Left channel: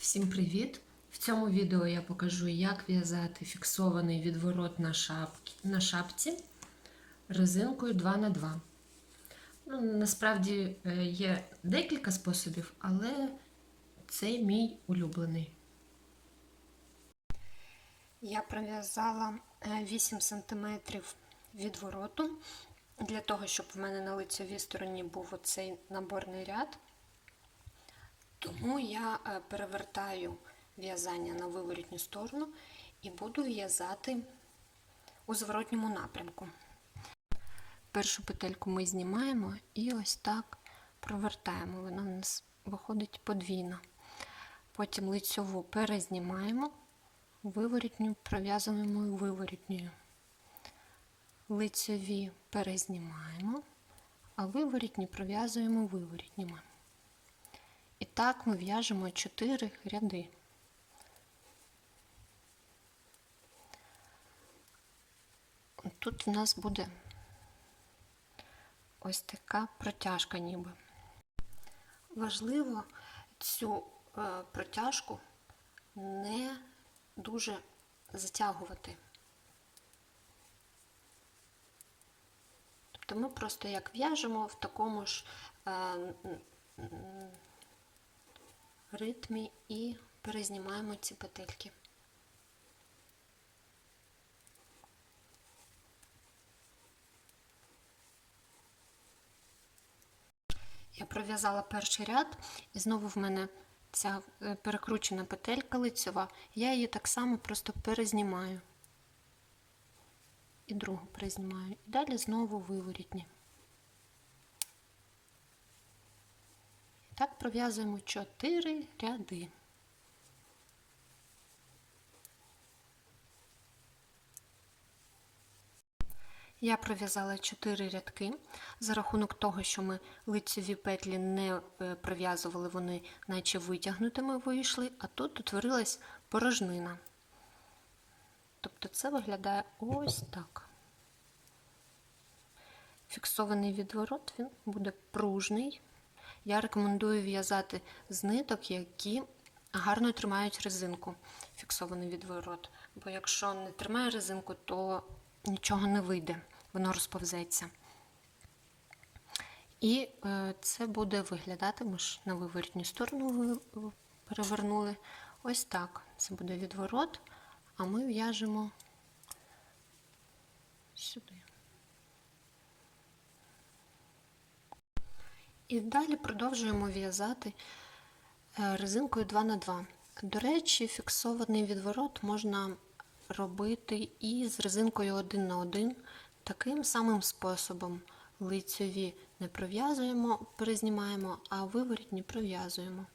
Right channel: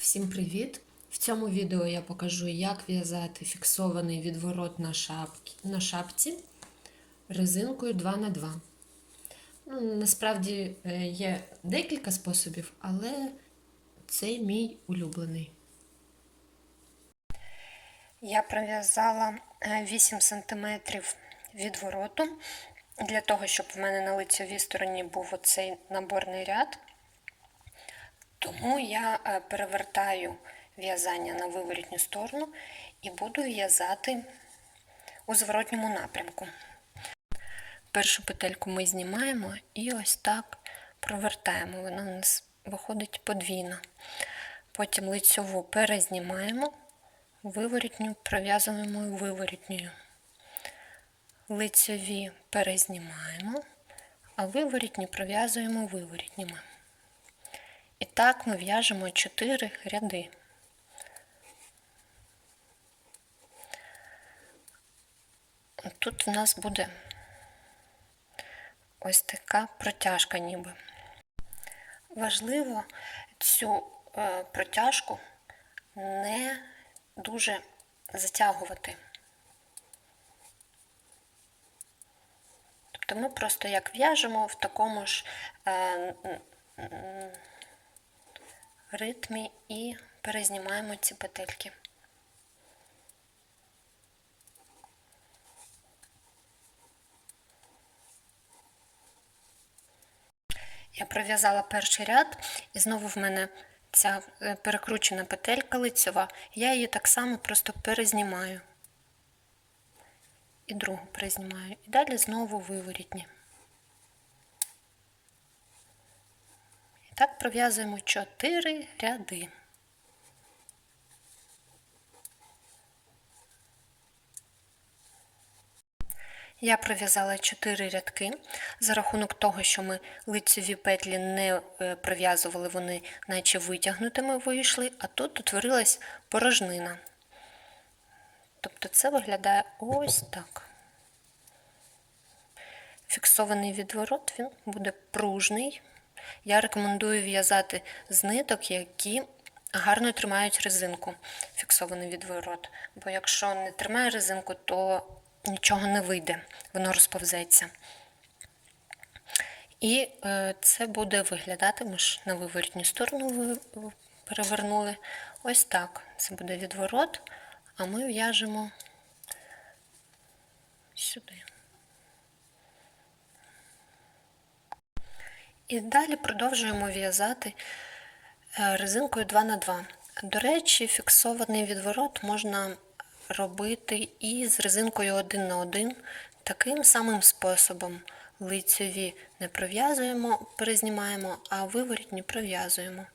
Всім привіт! В цьому відео я покажу, як в'язати фіксований відворот на, шапки, на шапці резинкою 2х2. Ну, насправді е, є декілька способів, але цей мій улюблений. Я пров'язала 8 см відвороту для того, щоб в мене на лицевій стороні був оцей наборний ряд. Тому я е, перевертаю в'язання на виворітню сторону і буду в'язати у зворотньому напрямку. Першу петельку ми знімаємо і ось так провертаємо. Вона у нас виходить подвійно. Потім лицьову перезнімаємо, виворітню пров'язуємо виворітньою. Лицьові перезнімаємо, а виворітні пров'язуємо виворітніми. І так ми в'яжемо 4 ряди. Тут у нас буде ось така протяжка ніби. Важливо цю е, протяжку не дуже затягувати. Тобто ми просто як в'яжемо в такому ж е, ритмі і перезнімаємо ці петельки. Я пров'язала перший ряд, і знову в мене ця е, перекручена петелька лицьова, я її так само просто перезнімаю. І другу перезнімаю. І далі знову виворітні. Так пров'язуємо 4 ряди. Я пров'язала 4 рядки. За рахунок того, що ми лицеві петлі не е, пров'язували, вони наче витягнутими вийшли, а тут утворилась порожнина. Тобто це виглядає ось так. Фіксований відворот він буде пружний. Я рекомендую в'язати з ниток, які гарно тримають резинку, фіксований відворот. Бо якщо не тримає резинку, то нічого не вийде, воно розповзеться. І е, це буде виглядати, ми ж на виворітню сторону перевернули. Ось так. Це буде відворот, а ми в'яжемо сюди. І далі продовжуємо в'язати е, резинкою 2х2. До речі, фіксований відворот можна робити і з резинкою 1 на 1 таким самим способом. Лицьові не пров'язуємо, перезнімаємо, а виворітні пров'язуємо.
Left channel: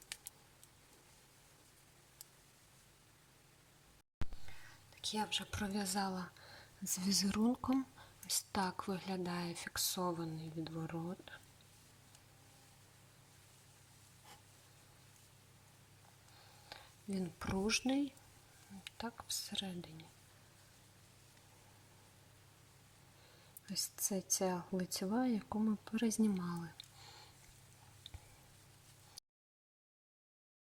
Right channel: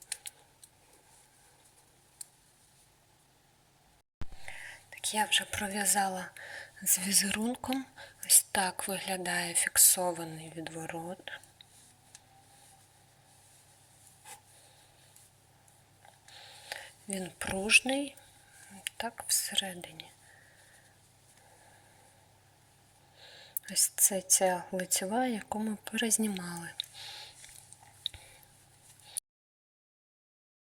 Так, я вже пров'язала з візерунком. Ось так виглядає фіксований відворот. Він пружний, так всередині. Ось це ця лицева, яку ми перезнімали.